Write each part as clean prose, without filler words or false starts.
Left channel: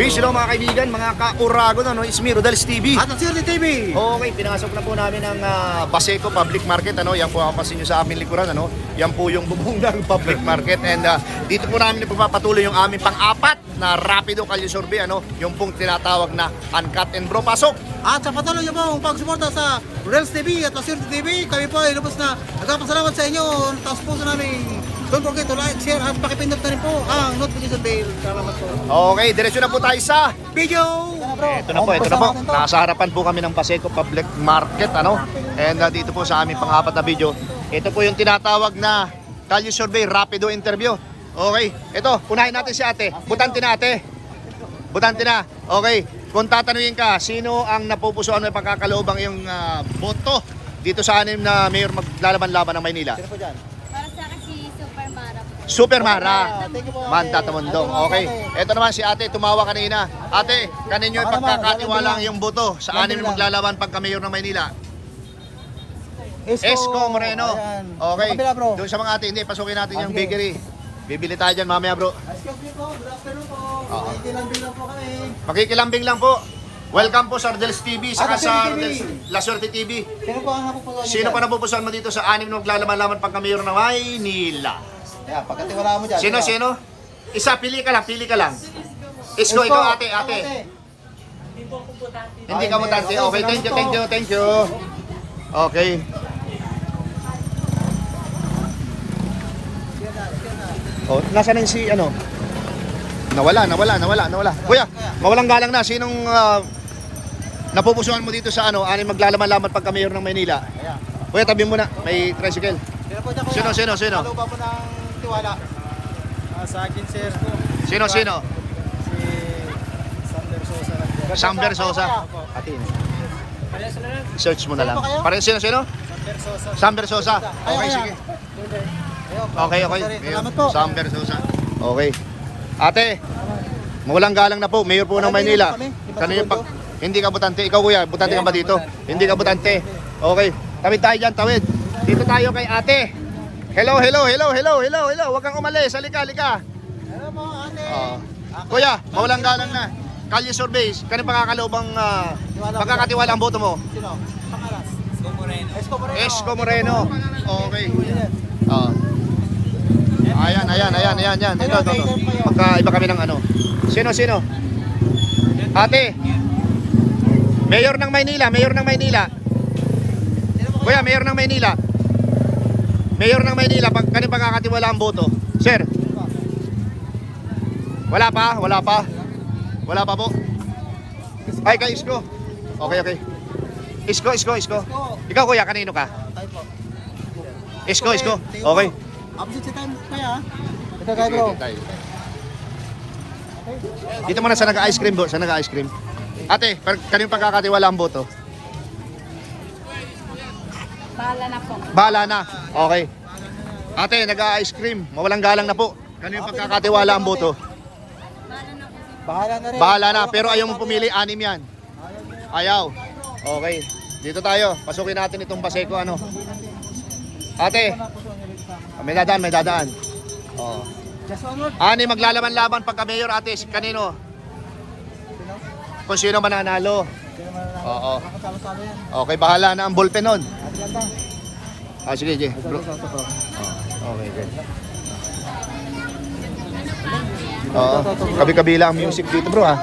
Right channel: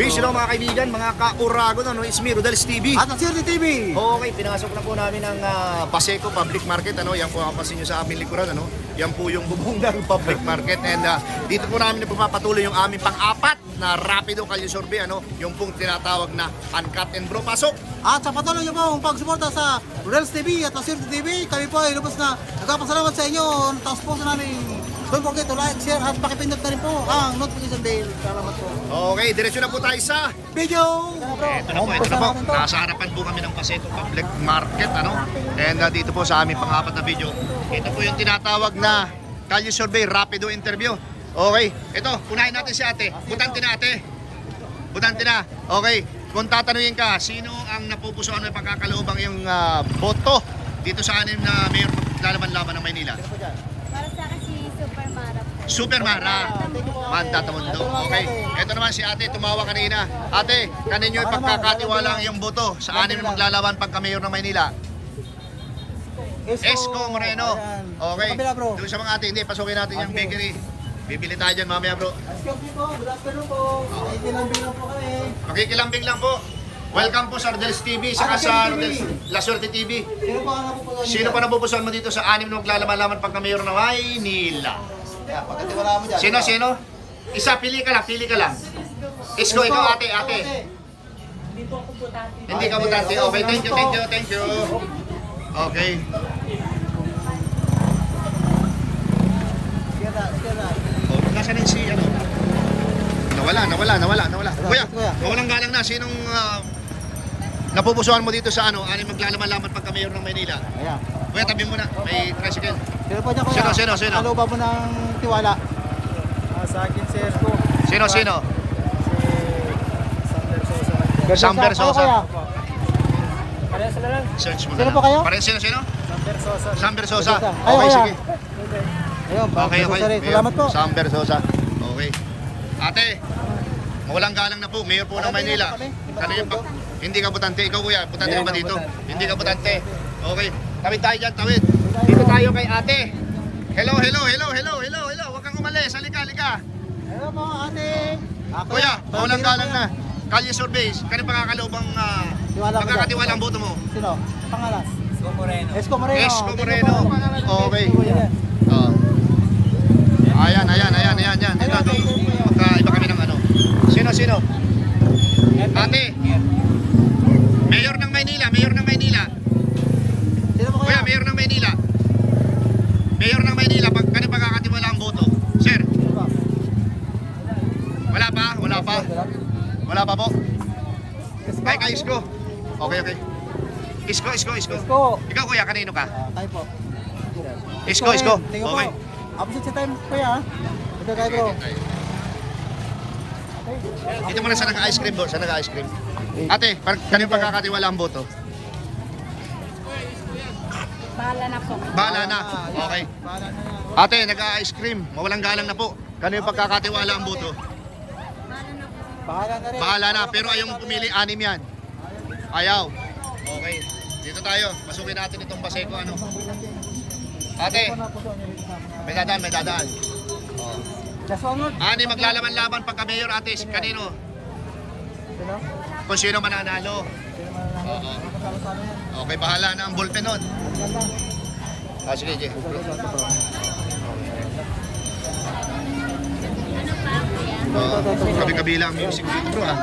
Peace hello mga kaibigan, mga ka-Uragon, ano, it's me, Rodels TV. At ang Sirte TV. Okay, pinasok na po namin ang Paseco Public Market, ano, yan po ang pasin nyo sa aming likuran, ano. Yan po yung Bubonggang Public Market and dito po namin ipagpapatuloy yung aming pang-apat na Rapido Kalye Survey, ano, yung pong tinatawag na Uncut and Bro. Pasok! At sa patuloy niyo po ang pagsuporta sa Rodels TV at ang Sirte TV, kami po ay lubos na nagpapasalamat sa inyo. Tapos namin. Don't forget to like, share at pakipindot na rin po ang notification bell. Salamat po. Okay, diretso na po tayo sa Video! ito na po. Nasa harapan po kami ng Paseco Public Market, ano. And dito po sa aming pang-apat na video. Ito po yung tinatawag na Kalye Survey Rapido Interview. Okay, ito, unahin natin si ate. Butante na ate. Butante na. Okay, kung tatanungin ka, sino ang napupusuan ng pagkakaloobang yung boto dito sa anim na mayor maglalaban-laban ng Maynila? Para sa akin si Super Mara po. Super Mara. Mantatamundong. Okay. Ito naman si ate, tumawa kanina. Ate, kaninyo ipagkakatiwala ang iyong boto sa anim na maglalaban pagka-mayor ng Maynila? Esco Moreno. Okay. Doon sa mga ate, hindi, pasukin natin yung bakery. Bibili tayo dyan mamaya bro. Good afternoon po. Makikilambing lang po kami. Makikilambing lang po. Welcome po sa Rodels TV, saka sa Rodels La Suerte TV. Sino po ang napupusuan? Sino pa napupusuan mo dito sa anim na maglalaban-laban pagka-mayor ng Maynila? Pakatiwalaan mo dyan. Sino? Isa, pili ka lang. Isko, ikaw ate. Hindi ka butante. Okay, thank you. Okay. Oh, nasaan yung si ano? Nawala. Kuya, mawalang galang na. Sinong napupusuan mo dito sa ano? Anim maglalaman-laman pagka mayor ng Maynila? Kuya, tabi mo na. May tricycle. Sino? Ano ba mo ng tiwala? Sa akin, sir, po. Sino? Si Sander Sosa. Sam Versosa. Opo. Parehas na lang. Search mo na lang. Sino po kayo? Parang sino? Sander Sosa. Sam Versosa. Okay, sige. Okay. Salamat po. Sam Versosa. Okay. Ate, mulang galang na po. Mayor po ng Maynila. Hindi ka butante. Ikaw kuya, butante ka ba dito? Hindi ka butante. Okay. Tawid tayo dyan, tawid. Dito tayo kay ate. Hello. Huwag kang umalis. Halika. Hello po, ate. Kuya, mulang galang na. Kalye Survey, kanina pagkakaloobang pagkakatiwala ang boto mo? Sino? Pangalas. Esco Moreno. Esco Moreno. Okay. Ayan. Ito. Magkaiba kami ng ano. Sino? Ate. Mayor ng Maynila. Kuya, Mayor ng Maynila. Kanina pagkakatiwala ang boto. Sir. Wala pa po. Ay, kay Isko. Okay. Isko. Ikaw kuya, kanino ka? Tayo po. Isko. Okay. Absent sa time pa ya. Ito tayo bro. Dito muna sa nag-ice cream bro. Ate, kanino pagkakatiwala ang boto? Bahala na. Okay. Ate, nag-ice cream. Mawalang galang na po. Kanino pagkakatiwala ang boto? Bahala na, pero ayaw mo pumili, anim yan. Ayaw. Okay. Dito tayo. Pasukin natin itong Paseco, ano. Ate, may dadaan. Just one word. Ani maglalaban-laban pagka mayor, ate. Kanino? Kung sino mananalo. Oo. Okay, bahala na ang ballpen nun. Sige. Kabi-kabila ang music dito bro ha.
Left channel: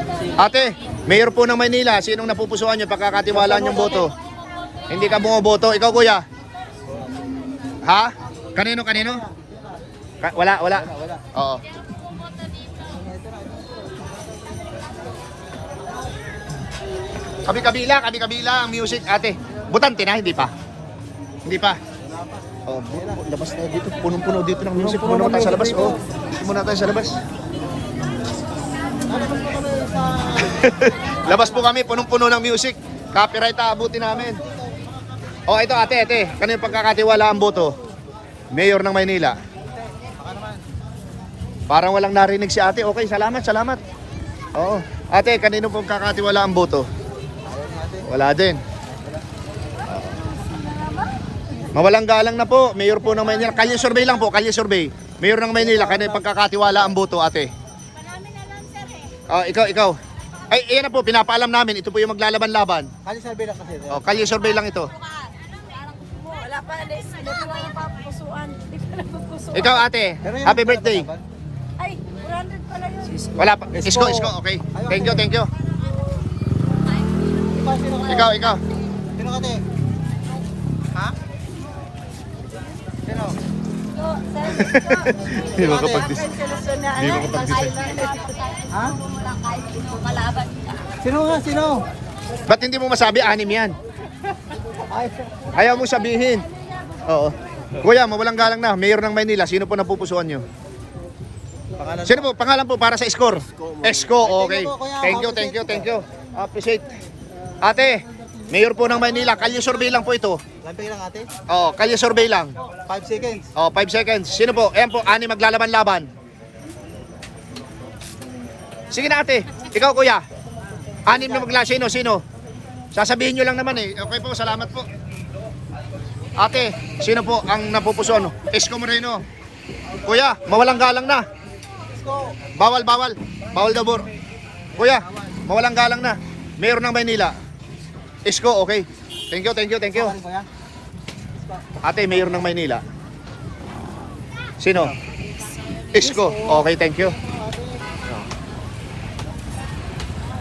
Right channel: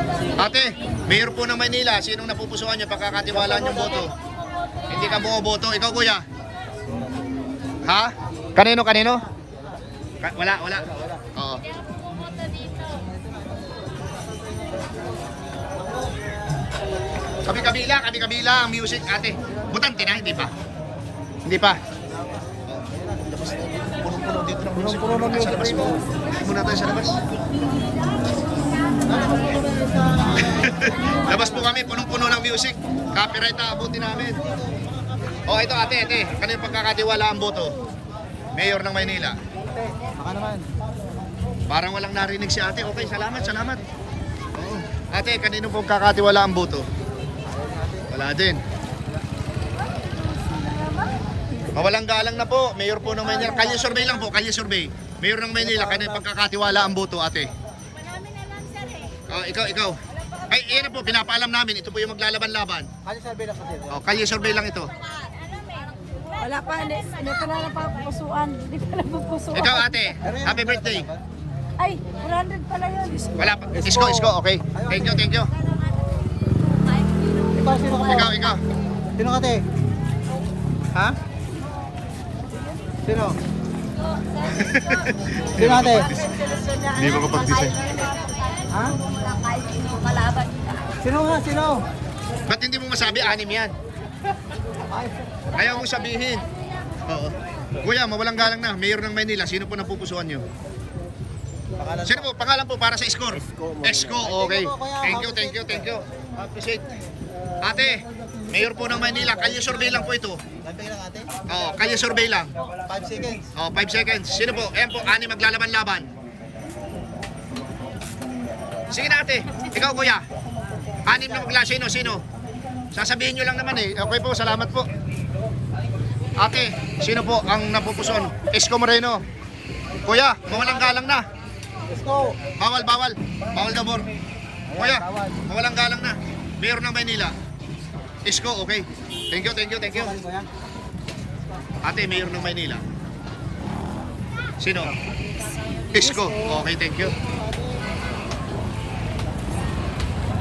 Ate, mayor po ng Maynila, sinong napupusuan nyo pagkakatiwalaan yung boto? Hindi ka bumoboto, ikaw kuya? Ha? Kanino? Wala. Oo. Kabi-kabila ang music, ate. Butante na, hindi pa. Oh, labas na dito, punong-puno dito ng music. Puno naman tayo sa labas. Muna tayo sa labas. Labas po kami, punong-puno ng music. Copyright aabutin namin. Oh, ito ate. Kanino pagkakatiwala ang boto? Mayor ng Maynila. Parang walang narinig si ate. Okay, salamat. Oo. Ate, kanino pagkakatiwala ang boto? Wala din. Mawalang galang na po, Mayor po ng Maynila. Kalye Survey lang po, Mayor ng Maynila, kanino pagkakatiwala ang boto, ate? Marami na lang, sir, eh. Ikaw. Ay, ayan na po, pinapaalam namin. Ito po yung maglalaban-laban. Kali survey lang kasi. O, kalye survey lang ito. Wala pa, hindi ka na lang pupusuan. Hindi ka na pupusuan. Ikaw ate, happy birthday. Ay, 100 pala yun. Wala pa. Isko, okay. Thank you, thank you. Ikaw. Sino ka, te? Ha? Sino? Hindi mo kapag-design. Hindi mo kapag-design. Ha? Mo lang kahit sino kalaban ka. Sino nga, sino? Ba't hindi mo masabi? 6 yan. Ayaw mo sabihin. Oo. Kuya, mawalang galang na. Mayor ng Maynila. Sino po napupusuan nyo? Sino po? Pangalan po para sa score? Esko, okay. Thank you. Appreciate. Ate, Mayor po ng Maynila. Kalye survey lang po ito. Survey lang, ate. Oo, kalye survey lang. 5 seconds. Oh, 5 seconds. Sino po? Ayan po, 6 maglalaban-laban. Sige na ate. Ikaw kuya. 6 na magla. Sino? Sasabihin nyo lang naman eh. Okay po, salamat po. Ate, sino po ang napupuson? Isko Moreno. Kuya, mawalang galang na. Let's go. Bawal. Bawal dabor. Kuya, mawalang galang na. Mayor ng Maynila. Isko, okay. Thank you. Ano ba yan? Ate, Mayor ng Maynila. Sino? Isko. Okay, thank you.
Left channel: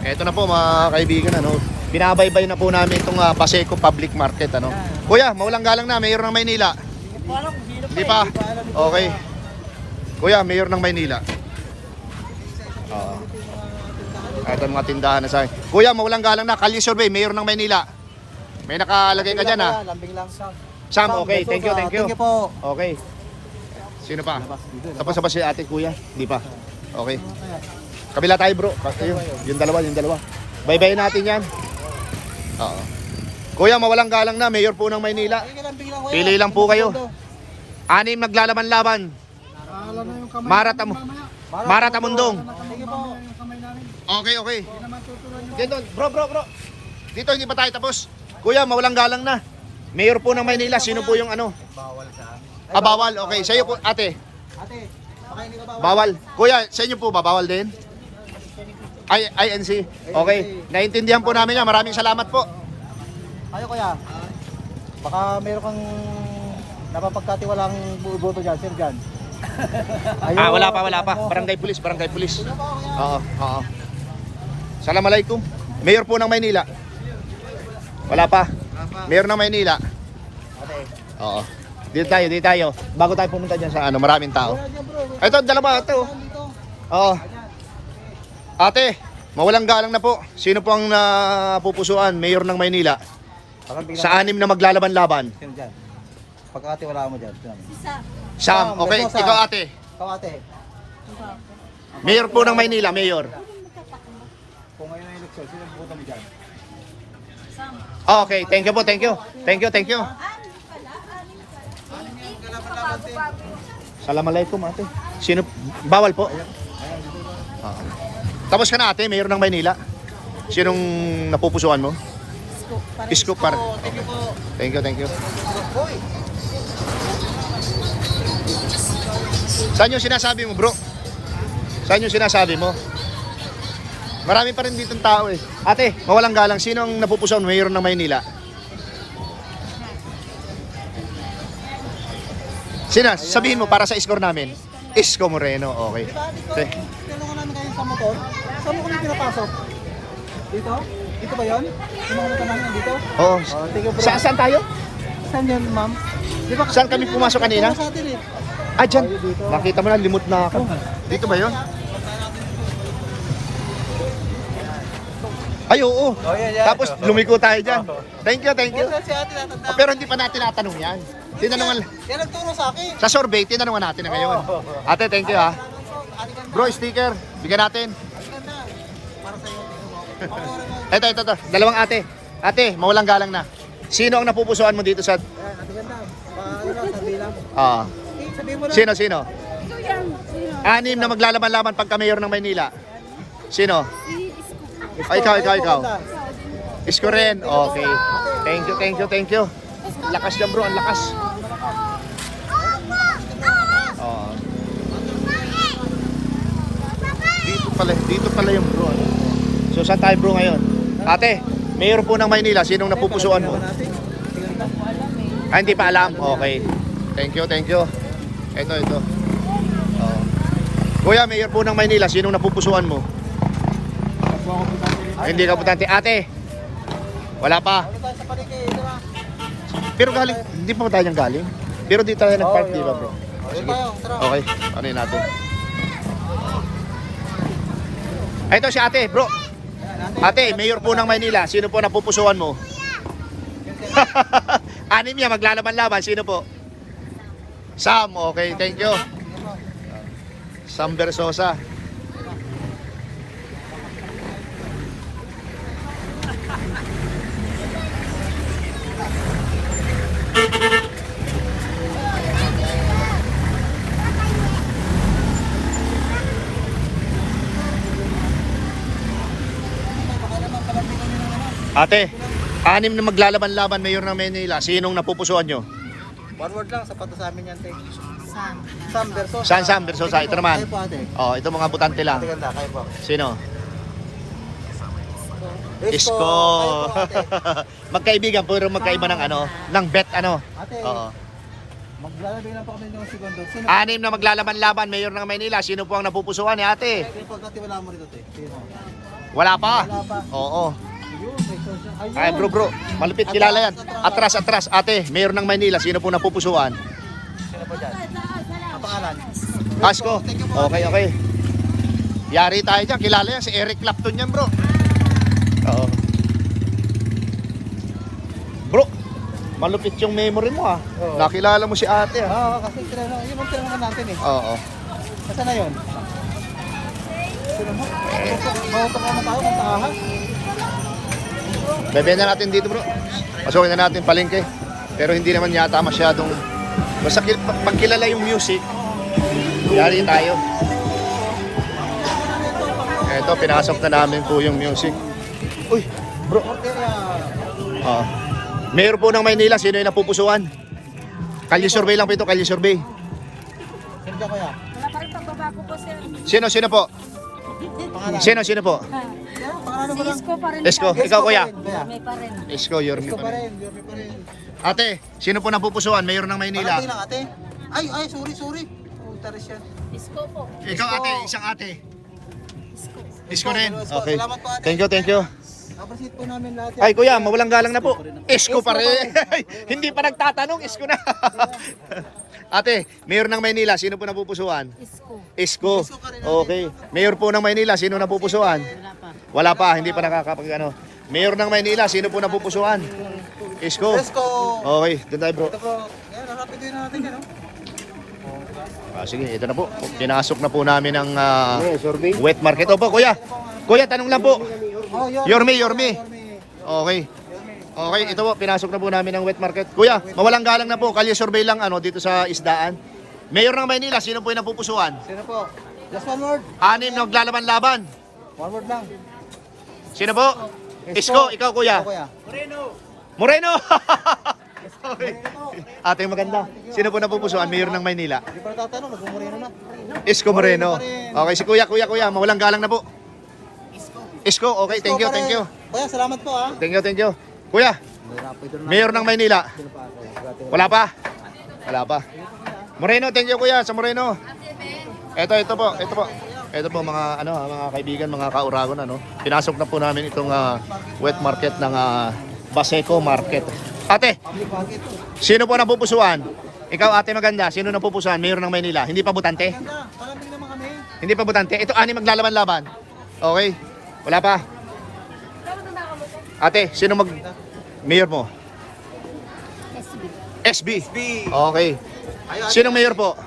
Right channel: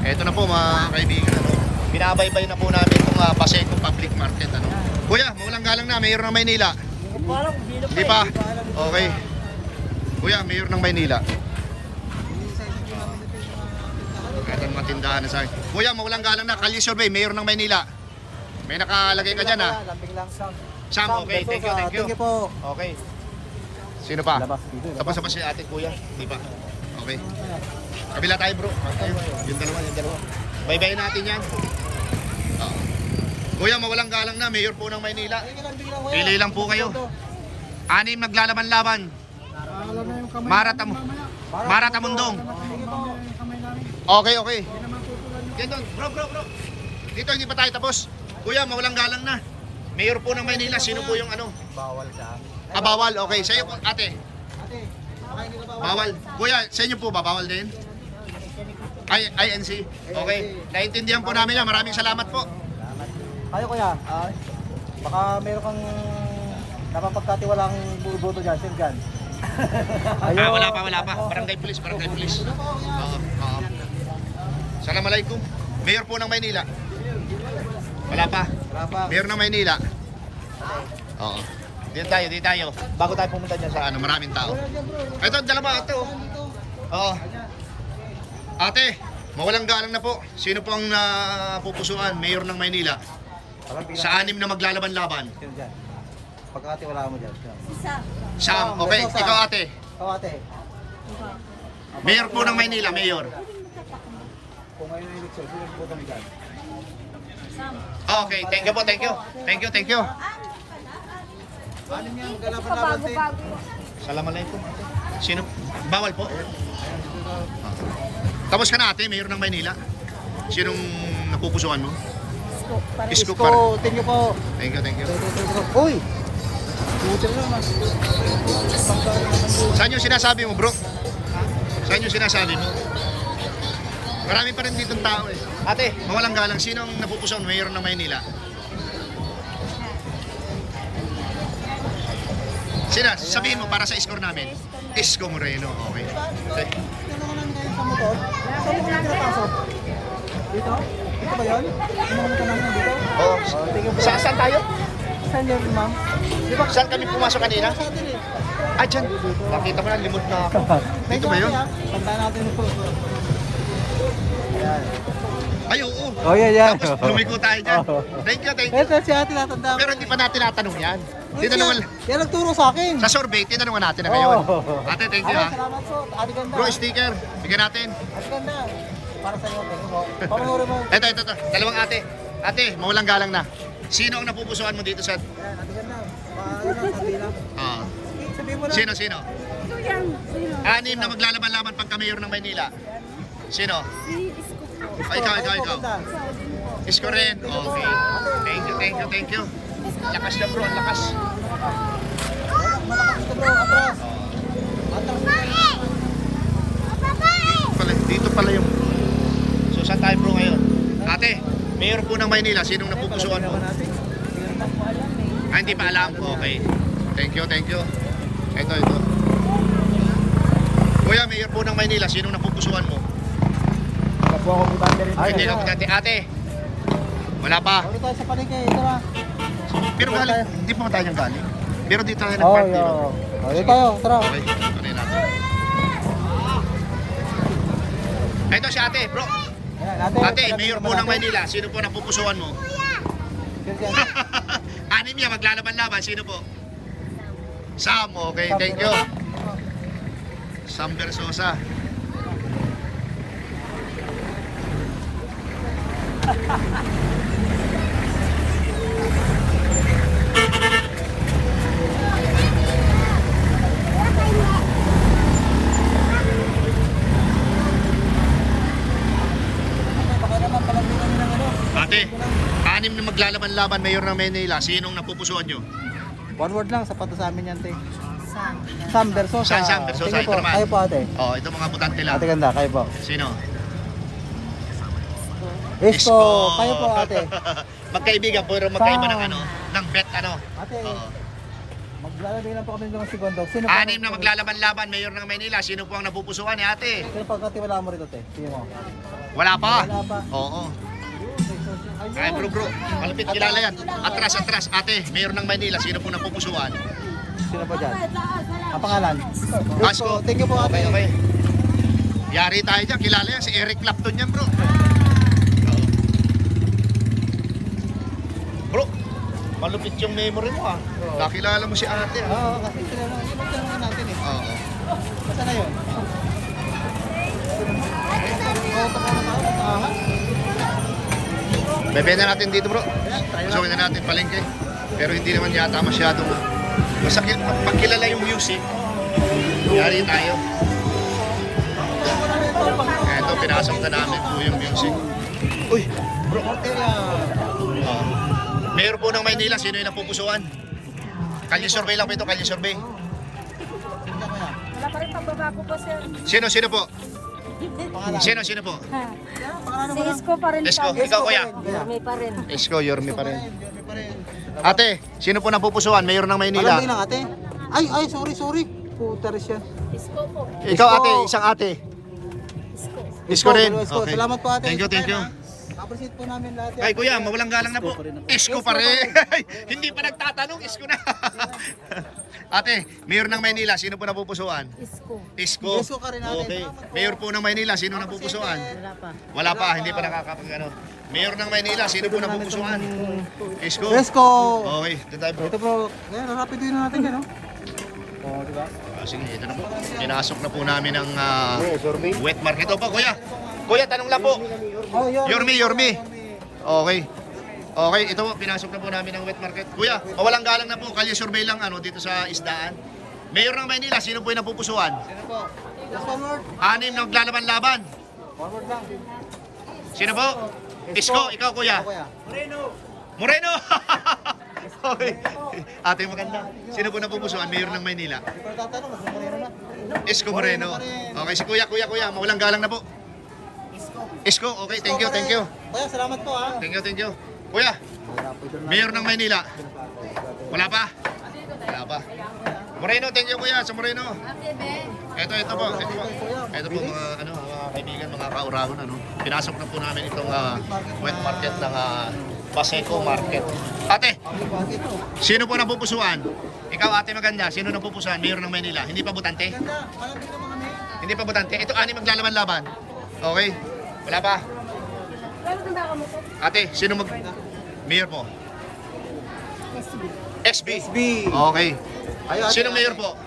Eto na po mga kaibigan, ano. Binabaybay na po namin itong Paseco Public Market, ano. Kuya, mawalang galang na, Mayor ng Maynila. Hindi pa. Okay. Kuya, Mayor ng Maynila. Oo. Ito mga tindahan na sa akin. Kuya, mawalang galang na, kalye survey, Mayor ng Maynila. May nakalagay ka dyan, ha. Lambing lang, Sam. Sam, okay, thank you. Thank you po. Okay. Sino pa? Tapos na ba si ate kuya? Hindi pa. Okay. Kabila tayo bro. Basta yun. Yung dalawa. Bye-bye natin yan. Oo. Kuya, mawalang galang na. Mayor po ng Maynila. Pili lang po kayo. 6 maglalaban-laban. Maratamundong. Okay. Ganun. Bro. Dito hindi pa tayo tapos. Kuya, mawalang galang na. Mayor po ng Maynila. Sino po yung ano? Bawal ka. Bawal. Okay. Sa iyo po, ate. Ate, baka hindi ka bawal. Bawal. Kuya, sa inyo po ba? Bawal din? INC. Okay. Naintindihan po namin yan. Maraming salamat po. Kayo kuya, baka meron kang napapagkatiwalang buboto dyan, sir dyan. Wala pa. Barangay Police. Oo. Assalamualaikum. Mayor po ng Maynila. Wala pa. Mayor ng Maynila. Oo. Dito tayo. Bago tayo pumunta dyan sa maraming tao. Ito, dalawa. Ito. Oo. Ate, mawalang galang na po. Sino po ang napupusuan? Mayor ng Maynila. Sa 6 na maglalaban-laban. Sino dyan? Pagkatiwalaan mo dyan. Isa. Sam, okay. Ikaw ate. Ikaw ate, Mayor po ng Maynila, Mayor. kung ngayon ang eleksyon, sino buboto mo dyan? Okay, thank you po. Thank you. Assalamualaikum ate. Sino? Bawal po. Tapos ka na ate, Mayor ng Maynila. Sinong napupusuan mo? Isko pa rin. Thank you po. Thank you. Uy! Saan yung sinasabi mo bro? Saan yung sinasabi mo? Marami pa rin ditong tao eh. Ate, mawalang galang. Sino ang napupusuan mo? Mayor ng Maynila? Sino? Sabihin mo para sa score namin. Isko Moreno. Okay. Saan mo kami pinapasok? Dito? Dito ba yun? Sino mo naman dito? Oo. Saan tayo? Saan yun, ma'am? Saan kami pumasok kanina? Sa atin eh. Dyan. Nakita mo na, limot na ako. Dito ba yun? Puntahan natin ito. Ay, oo. Oh, yeah. Tapos lumiko tayo dyan. Thank you. Si ate natanda. Pero hindi pa natin natanong yan. Tinanungan, Yan nagturo sa akin. sa survey, tinanungan natin na ngayon. Ate, thank you ha. Ate ganda. Bro, sticker. Bigyan natin. Ate ganda. Para sa'yo. Pangulo mo. Ito. Dalawang ate. Ate, mawalang galang na. Sino ang napupusuan mo dito sa... Ate ganda. Ah. Sabihin mo na. Sino? Ito yan. Sino? 6 na maglalaban-laban pagka mayor ng Maynila. Sino? Si Isko po. Ay, ikaw. Ikaw din po. Isko rin. Okay. Thank you. Lakas niya bro, ang lakas. Dito pala yung bro. So saan tayo bro ngayon? Ate, mayor po ng Maynila, sinong napupusuan mo? Hindi pa po alam eh. Ah, hindi pa alam? Okay. Thank you, thank you. Ito. Kuya, mayor po ng Maynila, sinong napupusuan mo? Hindi po ako butante rin. Ay, hindi ka putante. Ate, wala pa. Dito sa palengke, tara. Pero galing, hindi pa tayo niyang galing. Pero dito tayo nag-park, di ba bro? Ayun tayo, tara. Okay, ano yun natin? Ito si ate, bro. Ate, mayor po ng Maynila, sino po napupusuan mo? Anim niya, maglalaban-laban, sino po? Sam, okay, thank you. Sam Versosa. Baka naman palapitan nyo ng ano. Ate, anim na maglalaban-laban, mayor ng Maynila, sinong napupusuan nyo? One word lang, sapat na sa amin yan, te. Sam. Sam Versosa. Sam Versosa, ito naman. Kayo po, ate. Oh, ito mga butante lang. Ate ganda, kayo po. Sino? Isko. Kayo po, ate. Magkaibigan, puro magkaiba ng ano, ng bet ano. Ate, Oo. maglalagay lang po kami ng segundo. Sino Anim na maglalaban-laban, mayor ng Maynila, sino po ang napupusuan ni ate? Sino pagkatiwala mo rito, te? Sino mo? Wala pa. Wala pa. Oo. Ay bro, malupit kilala yan. Atras, ate, mayor ng Maynila, sino po napupusuan? Sino pa dyan? Ang pangalan? Asko. Thank you po. Okay. Yari tayo dyan, kilala yan, si Eric Clapton yan bro. Oo. Bro, malupit yung memory mo ah. Nakilala mo si ate ah. Oo, kasi kilala. Yun ang tema natin eh. Oo. Saan na yun? Ito ka na tao, nagtahan. Bebenta natin dito bro. Pasukin na natin palengke. Pero hindi naman yata masyadong... Basta pag kilala yung music, yari tayo. Eto, pinasok na namin po yung music. Uy, bro. Porteria. Mayor po ng Maynila, sino yung napupusuan? Kalye survey lang po ito, kalye survey. Hindi kaya. Wala pa rin pagbabago po, sir. Sino po? Sino po? Si Isko pa rin. Isko, ikaw kuya. May pa rin. Isko, Yorme pa rin. Yorme pa rin. Ate, sino po napupusuan? Mayor ng Maynila. Alam na ate. Ay, sorry. Puta rin siya. Isko po. Ikaw ate, isang ate. Isko. Isko rin. Isko, Okay. salamat po, ate. Thank you. Appreciate po namin lahat. Ay kuya, mawalang galang na po. Isko pa rin. Hindi pa nagtatanong, isko na. Ate, mayor ng Maynila, sino po napupusuan? Isko. Isko. Isko ka rin natin. Okay. Mayor po ng Maynila, sino napupusuan? Wala pa. Wala pa, hindi pa nakakapag ano. Mayor ng Maynila, sino po napupusuan? Isko. Isko. Okay, doon tayo bro. Ito po, rapid yun natin eh, no? Sige, ito na po. Pinasok na po namin ang wet market. Opo, kuya. Kuya, tanong lang po. Oh, Yorme. Okay. Okay, ito po, pinasok na po namin ang wet market. Kuya, mawalang galang na po. Kalye survey lang ano dito sa isdaan. Mayor ng Maynila, sino po yung napupusuan? Sino po? Yes, one word. Anim na maglalaban-laban. One word lang. Sino po? Isko, ikaw kuya. Kuya. Moreno! Okay. Ate maganda. Sino po napupusuan? Mayor ng Maynila. Hindi ko tatanong, magmumurino na. Isko Moreno. Okay, si kuya. Mawalang galang na po. Isko, okay. Thank you. Kuya, salamat po ha. Thank you. Kuya, Mayor ng Maynila. Wala pa? Moreno, thank you kuya sa Moreno. Ito po mga kaibigan, mga kauragon ano. Pinasok na po namin itong wet market ng Paseco Market. Ate, sino po napupusuan? Ikaw ate maganda, sino napupusuan? Mayor ng Maynila. Hindi pa butante? Ganda, parang din naman kami. Hindi pa butante. Ito ani maglalaban-laban. Okay. Wala pa. Ate, sino mayor mo? SB. Okay. Sino mayor po?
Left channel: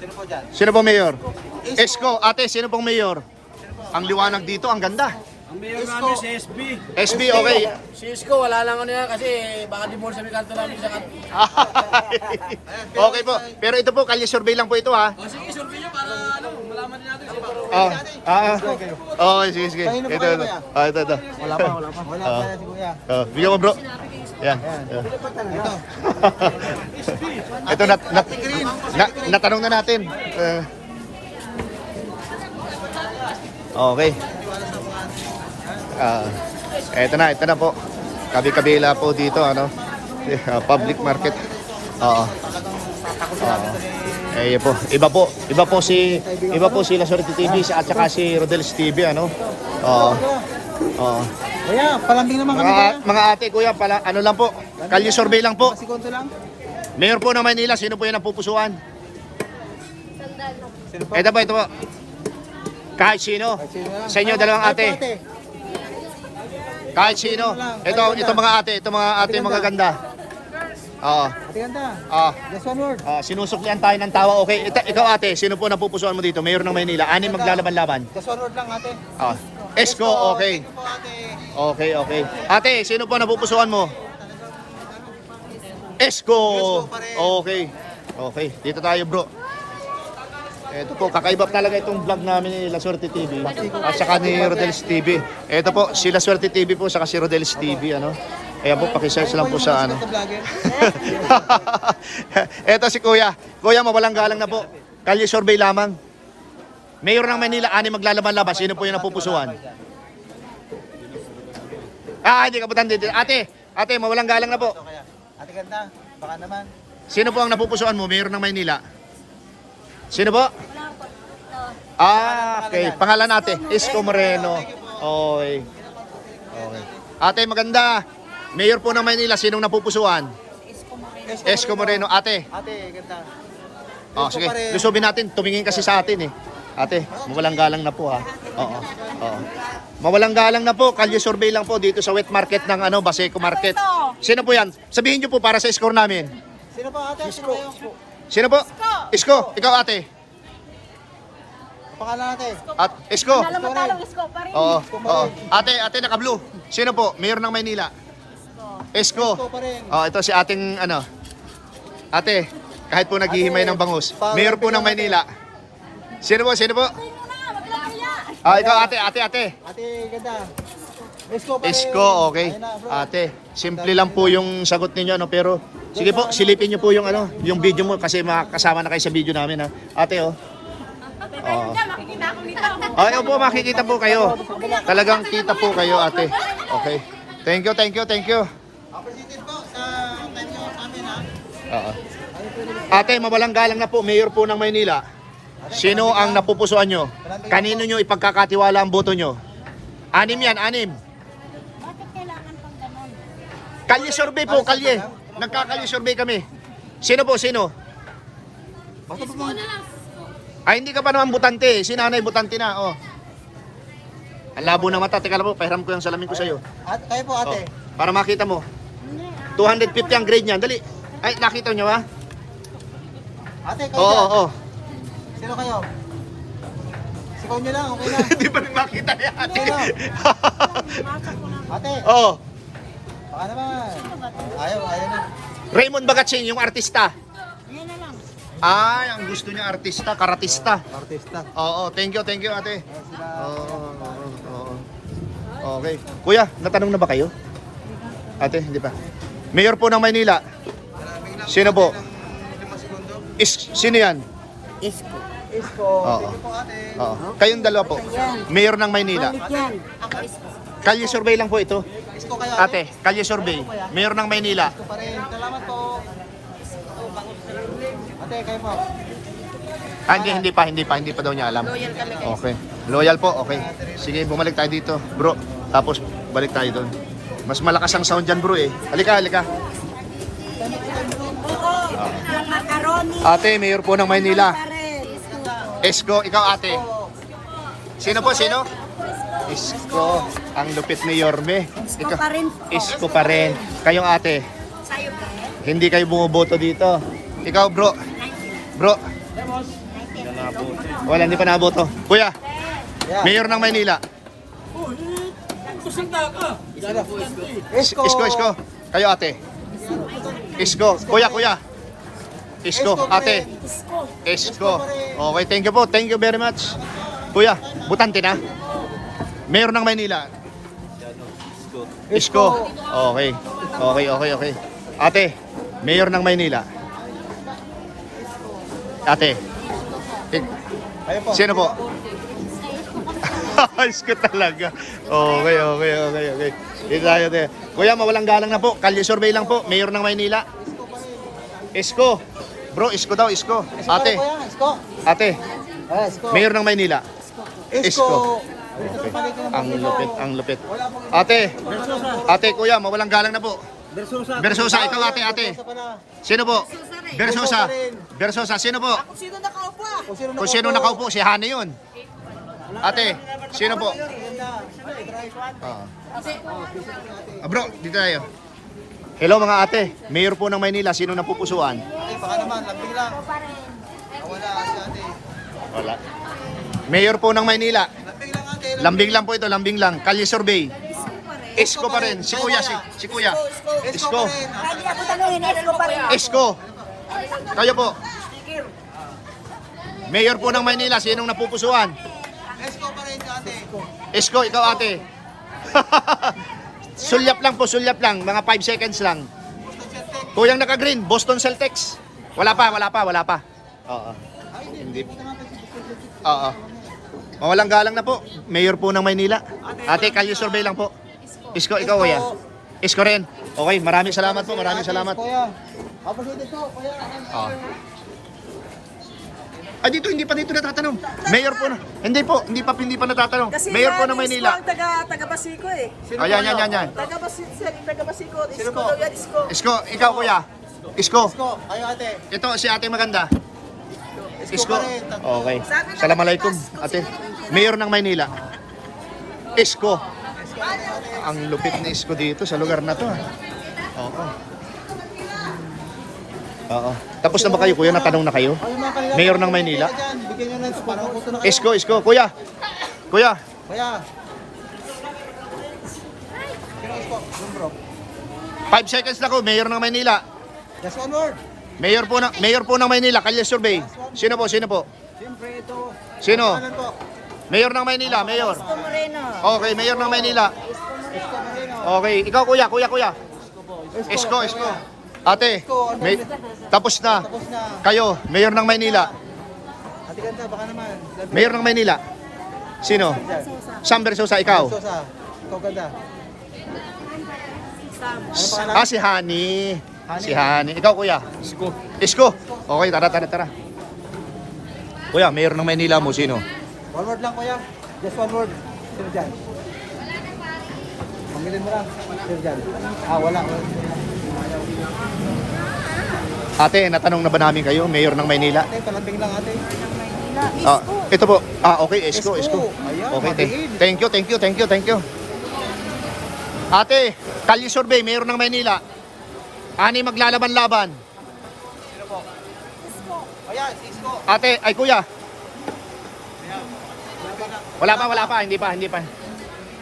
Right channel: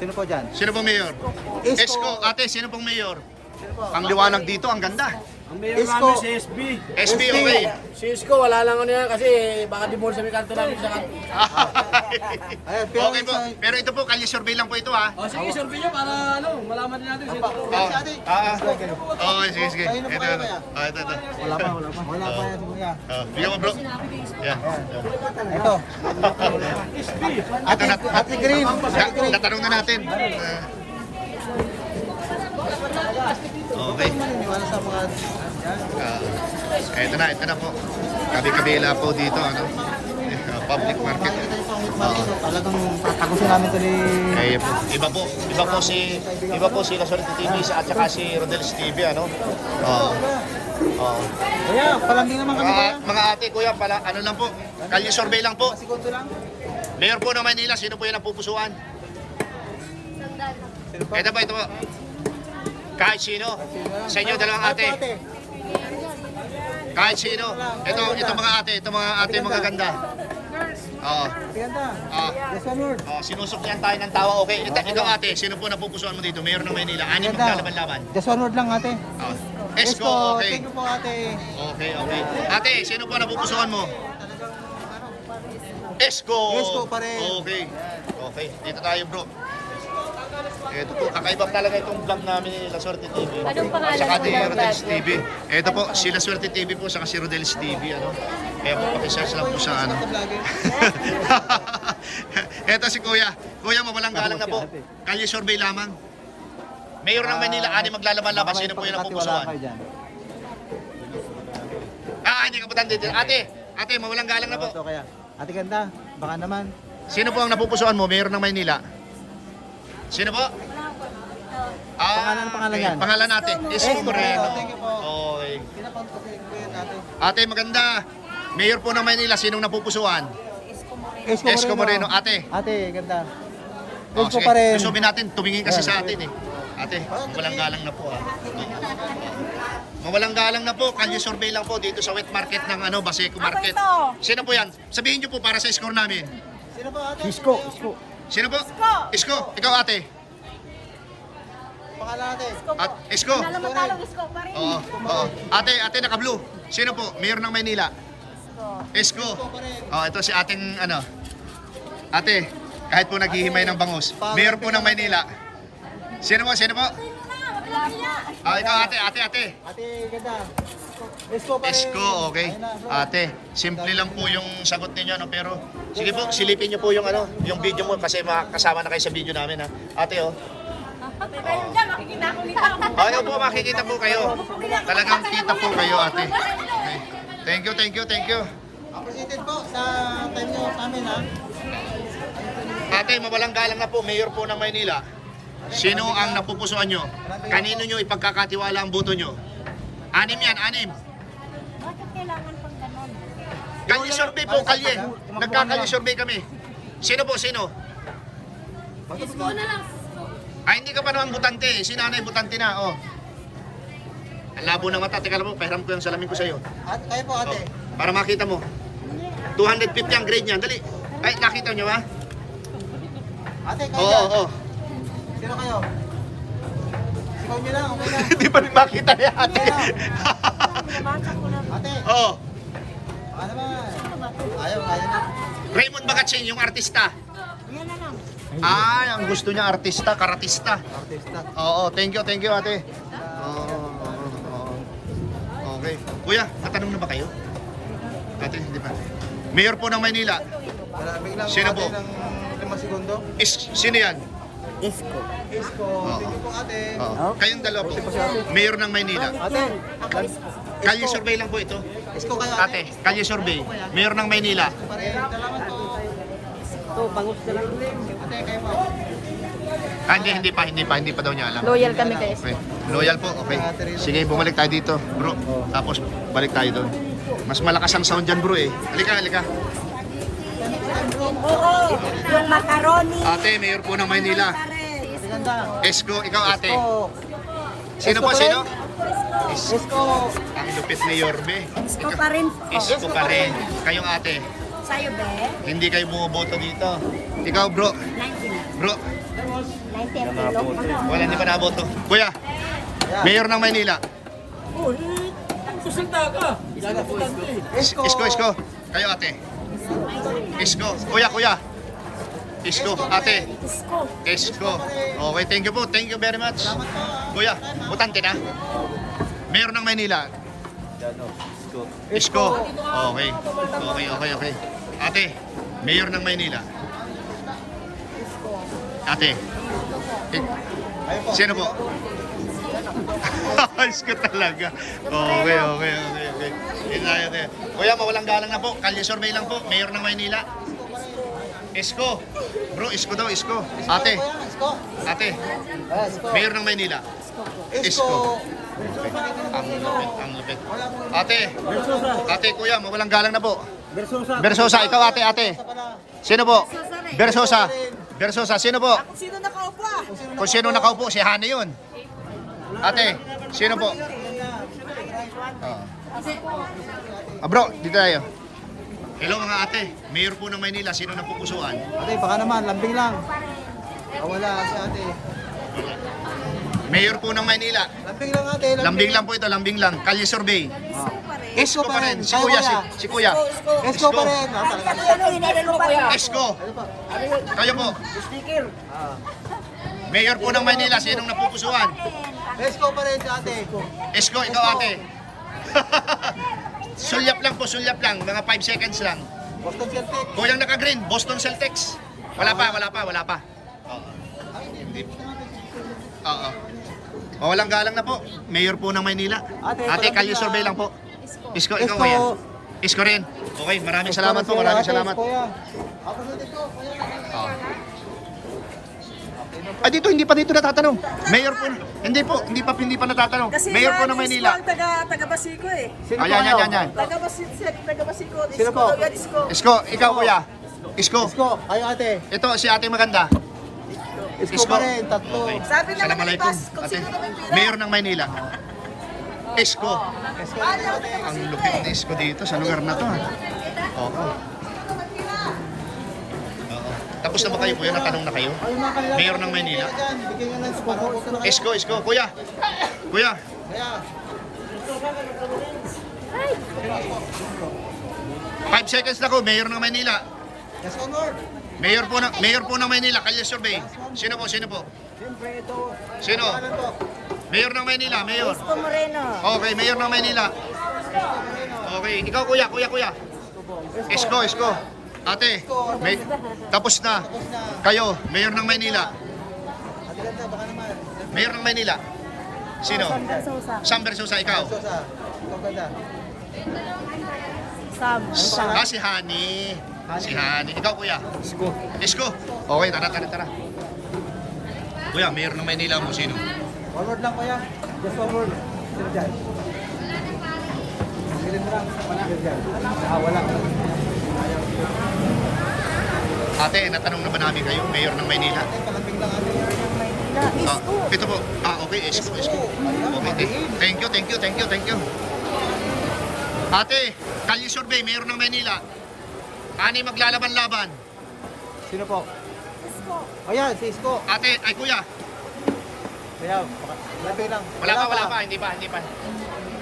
Sino po dyan? Sino po mayor? Isko. Ate, sino pong mayor? Ang liwanag dito, ang ganda. Ang mayor namin si SB. SB, okay. Si Isko, wala lang ano yan kasi baka dimol sa may kanto namin sa kanto. Okay po. Pero ito po, kalye survey lang po ito ha. O sige, survey nyo para ano, malaman din natin si ito. Okay, sige. Ito. Ito. Wala pa yan si Kuya. Video ko bro. Yan. Ito. Ito, natanong na natin. Okay. Wala sa mga Ito na po. Kabi-kabila po dito, ano? Public market. Oo. Eh po. Iba po si Laswerte TV at saka si Rodel's TV, ano? Oo. Oo. Kaya, palambing naman kami. Mga ate, kuya, pala, ano lang po, kalye survey lang po. Segundo lang. Mayor po ng Maynila, sino po yung napupusuan? Ito po. Kahit sino. Sa inyo, dalawang ate. Kahit sino. Ito mga ate mga ganda. Oo. Oo. Yes, one word. Sinusuklian tayo ng tawa. Okay, ikaw ate, sino po napupusuan mo dito? Mayor ng Maynila, anim maglalaban-laban. Just one word lang, ate. Esko, okay. Thank you po, ate. Okay. Ate, sino po napupusuan mo? Esko. Esko pa rin. Okay, dito tayo bro. Ito po, kakaiba talaga itong vlog namin ni Laswerte TV at saka ni Rodel's TV. Ito po, si Laswerte TV po saka si Rodel's TV, ano. Kaya po, pakisearch lang po sa ano. Ito si Kuya. Kuya, mawalang galang na po. Kalye survey lamang. Mayor ng Manila, anim maglalaban-laban. Sino po yung napupusuan? Hindi ka butante. Ate, mawalang galang na po. Ate ganda, baka naman. Sino po ang napupusuan mo, Mayor ng Maynila? Sino po? Okay. Pangalan natin, Isko Moreno. Okay. Ate, maganda. Mayor po ng Maynila, sinong napupusuan? Isko Moreno. Ate. Ate, ganda. Sige. Susubin natin, tumingin kasi sa atin eh. Ate, mawalang galang na po ha. Oo. Mawalang galang na po, kalye survey lang po dito sa wet market ng Baseco Market. Sino po yan? Sabihin nyo po para sa score namin. Sino ba, ate? Isko. Sino po? Isko. Ikaw ate. Pangalan ate. Isko. Isko pa rin. Oo. Ate naka-blue. Sino po? Mayor ng Maynila. Isko. Ito si ating Ate, kahit po naghihimay ng bangus. Mayor po ng Maynila. Sino po? Ikaw ate. Ate, ganda. Isko pa rin. Isko, okay. Ate, simple lang po yung sagot ninyo, no? Pero sige po, silipin niyo po yung yung video mo kasi makakasama na kayo sa video namin, ha. Ate, Ayun po, makikita po kayo. Talagang kita po kayo, ate. Okay. Thank you. Appreciated po sa time nyo kami, ha. Oo. Ate, mawalang galang na po, Mayor po ng Maynila. Sino ang napupusuan nyo? Kanino nyo ipagkakatiwala ang boto nyo? 6 yan, 6. Bakit kailangan pang ganon? Kalye survey po, kalye. Nagkakalye survey kami. Sino po, sino? Isko na lang. Hindi ka pa naman butante. Si nanay butante na, Ang labo ng mata. Teka lang po, pahiram ko yung salamin ko sa'yo. At tayo po, ate. Para makita mo. 250 ang grade niyan. Dali. Ay, nakita nyo ha? Ate, kayo Oo. dyan. Sino kayo? Sigaw nyo lang, okay na. Hindi pa rin makita ni ate. Bumasa ko na. Ate, Oo. baka naman. Ano ba ito? Ayaw. Raymond Bagatsing, yung artista. Yan na lang. Ang gusto niya artista, karatista. Artista. Oo, thank you ate. Oo. Okay. Kuya, natanong na ba kayo? Ate, hindi pa. Mayor po ng Maynila. Sino po? 5 segundo. Sino yan? Isko. Oo. Thank you po, ate. Oo. Kayong dalawa po. Mayor ng Maynila. Yan. Ako Isko. Kalye survey lang po ito. Isko kayo, Ate, ate. kalye survey. Mayor ng Maynila. Pa rin. Salamat po. Ate, kayo po. Hindi pa daw niya alam. Loyal kami guys. Okay. Loyal po, okay. Sige, bumalik tayo dito, bro. Tapos balik tayo doon. Mas malakas ang sound dyan, bro eh. Halika. Oo. Yung macaroni. Ate, mayor po ng Maynila. Esko, ikaw ate. Sino po, sino? Isko. Ang lupit ni Yorme. Isko pa rin po. Isko pa rin. Kayong ate. Sa'yo be. Hindi kayo bumuboto dito. Ikaw, bro. Bro. Wala, hindi pa naboto. Kuya, mayor ng Maynila. Isko. Kayo ate. Isko. Kuya. Isko, ate. Isko. Okay, thank you po. Thank you very much. Kuya, butante na. Mayor ng Maynila. Isko. Okay. Ate, mayor ng Maynila. Ate. Sino po? Isko talaga. Okay. Dito tayo, te. Kuya, mawalang galang na po. Kalye survey lang po. Mayor ng Maynila. Isko. Bro, Isko daw, Isko. Ate, Isko. ate. Mayor ng Maynila. Isko. Okay. Ang lupit. Ate, ate, kuya, mawalang galang na po. Versosa, ikaw ate. Sino po? Versosa, sino po? Kung sino nakaupo ah. Kung sino nakaupo, si Hani yun. Ate, sino po? Bro, dito tayo. Hello mga ate, mayor po ng Maynila, sino napupusuan? Ate, baka naman, lambing lang. Wala si ate. Mayor po ng Maynila. Lambing lang ate. Lambing lang po ito, lambing lang. Kalye survey. Isko pa rin. Isko pa rin. Si kuya. Isko pa rin. Isko pa rin. Isko. Kayo po. Mayor po ng Maynila, sinong napupusuan? Isko pa rin si ate. Isko, ikaw ate. Sulyap lang. Mga 5 seconds lang. Boston Celtics. Kuyang naka-green, Boston Celtics. Wala pa. Oo. Hindi. Oo. Mawalang galang na po. Mayor po ng Maynila. Ate, kalye survey lang po. Isko, ikaw kuya. Isko rin. Okay, maraming salamat po. Kuya. Ako si Isko, kuya. Ah. Dito, hindi pa dito natatanong. Mayor po na. Hindi pa natatanong. Kasi Mayor po ng Maynila. Isko ang taga Basico eh. Yan. Taga Basico. Isko daw yan, Isko. Isko, ikaw kuya. Isko. Isko, ayo ate. Ito si ate maganda. Isko. pa rin, tatlo. Okay. Sabi na Assalamualaikum, kung ate. sino yung Mayor ng Maynila. Isko. Isko na tayo, ate. Ang lupit ni Isko dito sa lugar na to. Oo. Tapos na ba kayo kuya? Natanong na kayo? Mayor ng Maynila. Bigyan nyo ng Isko. Isko. Kuya. Kaya. 5 seconds na ko. Mayor ng Maynila. Yes, onward. Mayor po ng Maynila. Kalye survey. Sino po? Siyempre ito. Sino? Mayor ng Maynila. Mayor. Isko Moreno. Okay, Mayor ng Maynila. Okay, ikaw kuya. Isko. Ate, tapos na. Kayo, Mayor ng Maynila. Mayor ng Maynila. Sino? Sam Versosa, ikaw. Ikaw ganda. Si Hani. Ikaw kuya. Isko. Okay, tara. Kuya, Mayor ng Maynila mo, sino? Onward lang kuya. Just onward. Sino dyan? Pamilin mo lang. Sino dyan? Wala. Ate, natanong na ba namin kayo, Mayor ng Maynila? Kalambing lang ate. Ito po. Okay, Isko. Okay, thank you. Ate, kalye survey, Mayor ng Maynila. Ani maglalaban-laban? Sino po? Isko. Ayan, si Isko. Ate, ay kuya. Kaya, ate lang. Wala pa, hindi pa.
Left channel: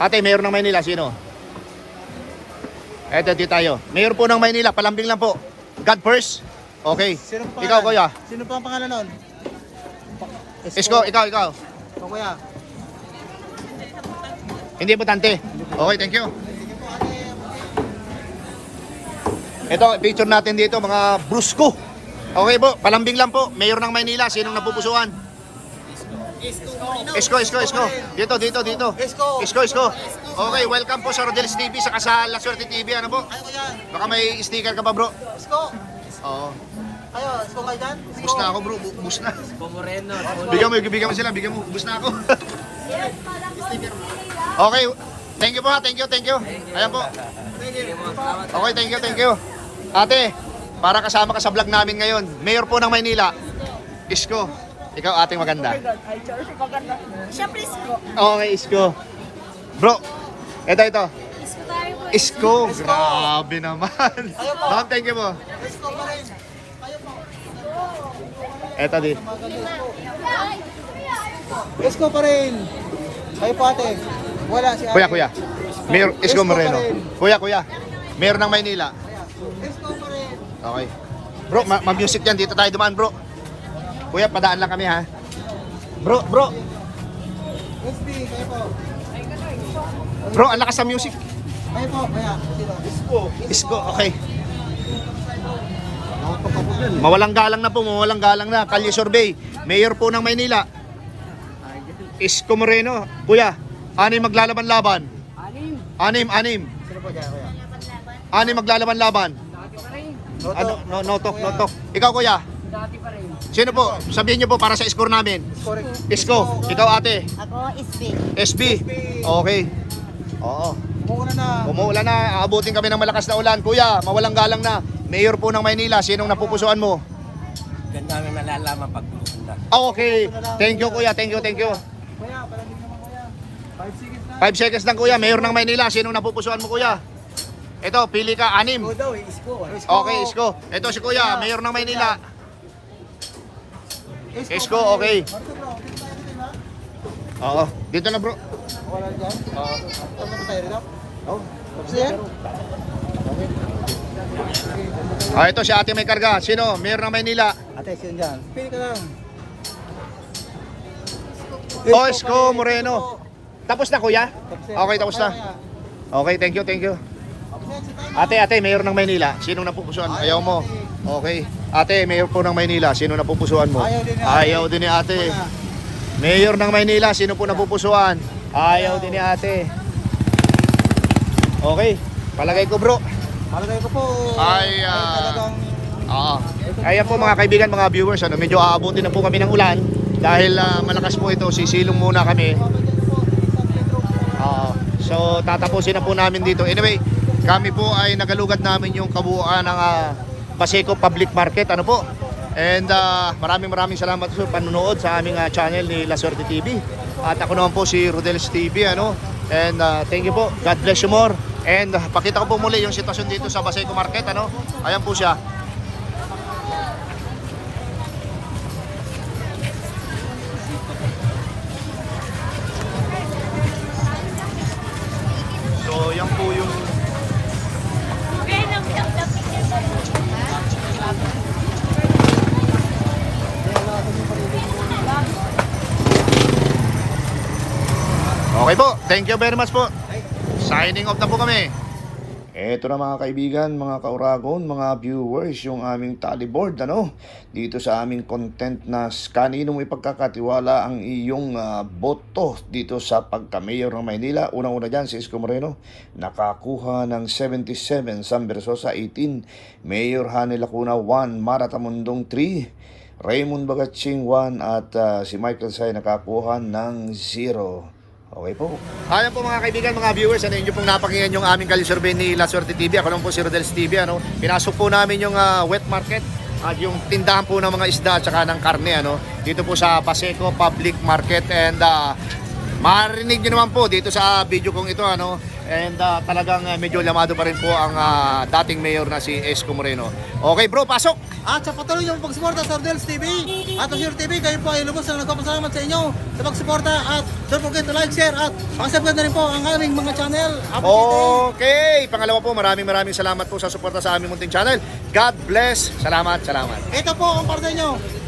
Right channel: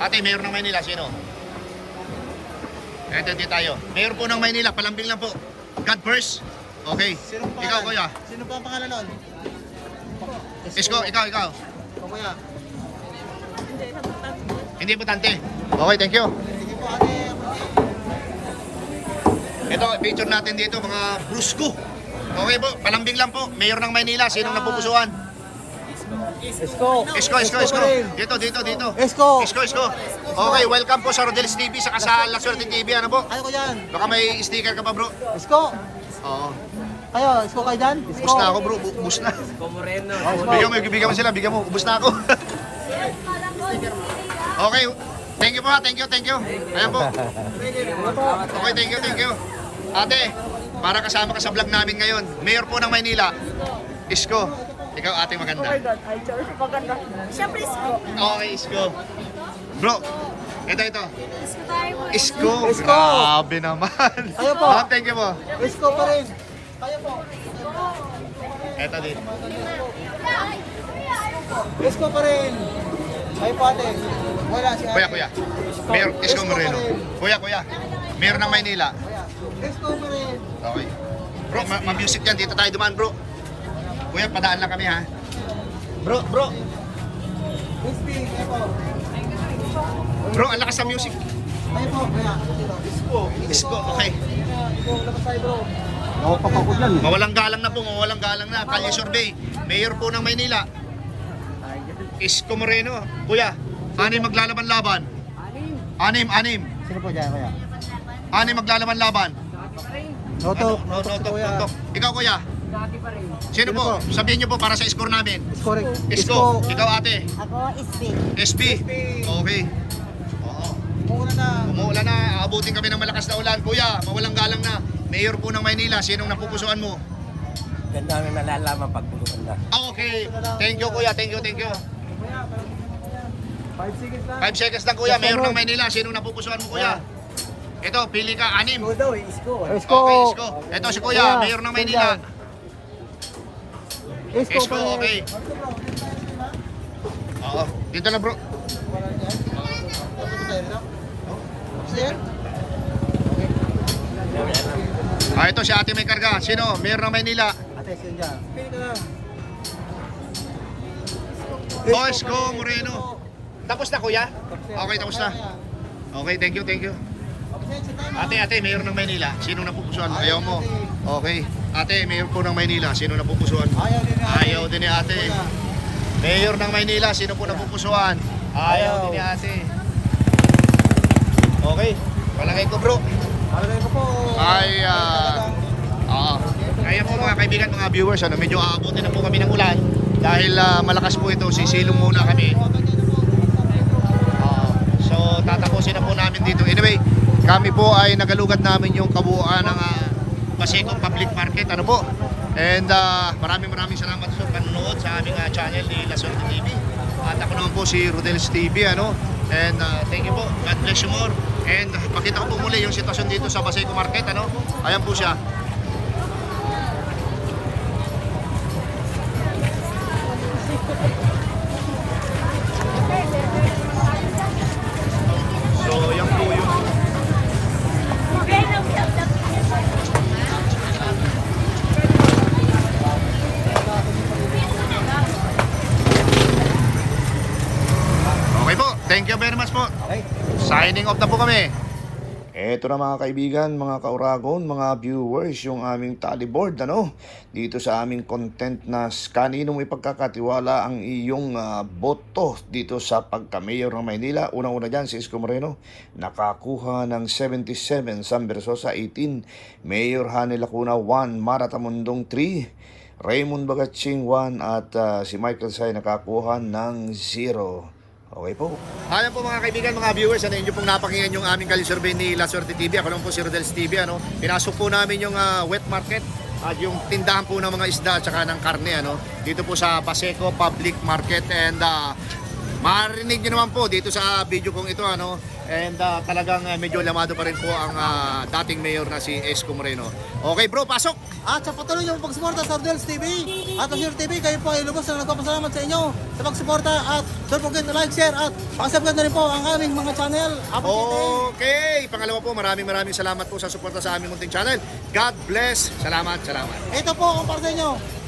Ate, Mayor ng Maynila, sino? Eto, dito tayo. Mayor po ng Maynila, palambing lang po. God first. Okay. Sino po Ikaw, kuya. Sino po ang pangalan nun? Isko, ikaw. Ito kuya. Hindi importante. Okay, thank you. Sige po ate. Ito, picture natin dito, mga brusko. Okay po, palambing lang po. Mayor ng Maynila, sinong napupusuan? Isko. Isko. Dito. Isko. Okay, welcome po sa Rodel's TV, saka sa La Suerte TV. Ano po? Kayo ko dyan. Baka may sticker ka pa, bro. Isko. Oo. Kayo, Isko kayo dyan? Bus na ako, bro. Bus na. Isko Moreno. Bigyan mo sila. Bus na ako. Okay. Thank you po ha. Thank you. Ayan po. Okay, thank you. Ate, para kasama ka sa vlog namin ngayon, Mayor po ng Maynila, Isko. Ikaw ating maganda. Ay, Chelsea, maganda. Siyempre, Isko. Okay, Isko. Bro, ito. Isko tayo po. Isko. Grabe naman. Ayaw po. Ma'am, thank you po. Isko pa rin. Kayo po. Ito din. Isko pa rin. Kayo po ate. Wala si ate. Kuya. Mayor Isko Moreno. Kuya. Mayor ng Maynila. Isko pa rin. Okay. Bro, mag-music yan. Dito tayo dumaan, bro. Kuya, padaan lang kami, ha? Bro. Iski, kayo po. Bro, ang lakas sa music. Kayo po. Kaya. Isko, okay. Mawalang galang na. Kalye survey. Mayor po ng Maynila. Isko Moreno. Kuya, Anim maglalaban-laban. Anim. Sino po dyan, kuya? Anim maglalaban-laban. Noto. Notok. Ikaw kuya. Dati pa rin. Sino po? Sabihin niyo po para sa score namin. Correct. Isko. Ikaw ate. Ako, SB. SB. Okay. Oo. Umuulan na. Aabutin kami ng malakas na ulan. Kuya, mawalang galang na. Mayor po ng Maynila. Sinong napupusuan mo? Ganda ang nalalaman pag bumanda. Okay. Thank you kuya. Thank you. 5 seconds lang. 5 seconds lang kuya. Mayor ng Maynila. Sinong napupusuan mo kuya? Ito, pili ka. 6. daw, isko. Okay, Isko. Ito si kuya. Mayor ng Maynila. Isko, okay. Oo. Dito na bro. Wala dyan. Ito si ate may karga. Sino? Mayor ng Maynila. Ate, sino dyan? Pili ka lang. Oh, Isko Moreno. Tapos na kuya? Okay, tapos na. Okay, thank you. Ate, Mayor ng Maynila. Sinong napupusuan mo? Ayaw mo. Okay. Ate, Mayor po ng Maynila. Sino napupusuan mo? Ayaw din ni ate. Mayor ng Maynila. Sino po napupusuan? Ayaw din ni ate. Okay. Palagay ko bro. Malagay ko po. Ayan po mga kaibigan, mga viewers, medyo aabutin na po kami ng ulan. Dahil malakas po ito, sisilong muna kami. So tatapusin na po namin dito. Anyway, kami po ay nagalugad namin yung kabuuan ng Paseco Public Market. Ano po? And maraming salamat sa panonood sa aming channel ni La Suerte TV. At ako naman po si Rodel's TV. And thank you po. God bless you more. And pakita ko po muli yung sitwasyon dito sa Paseco Market. Ayan po siya. So yan po yung okay po. Thank you very much po. Signing off na po kami. Eto na mga kaibigan, mga kauragon, mga viewers, yung aming tally board, dito sa aming content na kanino mo ipagkakatiwala ang iyong boto dito sa pagka-mayor ng Maynila. Unang-una dyan, si Isko Moreno, nakakuha ng 77, Sam Versosa 18, Mayor Hani Lacuna 1, Mara Tamundong 3, Raymond Bagatsing 1, at si Michael Say nakakuha ng 0. Okay po. Ayan po mga kaibigan, mga viewers, inyo pong napakinggan yung aming Kalye Survey ni La Suerte TV. Ako lang po si Rodel's TV. Pinasok po namin yung wet market at yung tindahan po ng mga isda at saka ng karne. Dito po sa Paseco Public Market. And marinig nyo naman po dito sa video kong ito. And talagang medyo lamado pa rin po ang dating mayor na si Isko Moreno. Okay bro, pasok! At sa patuloy niyong pagsuporta sa Rodel's TV at sa Sir TV, kayo po ay lubos na nagpapasalamat sa inyo sa pagsuporta at don't forget to like, share at pakisubscribe na rin po ang aming mga channel. Okay, pangalawa po, maraming salamat po sa suporta sa aming munting channel. God bless. Salamat. Ito po ang para sa inyo.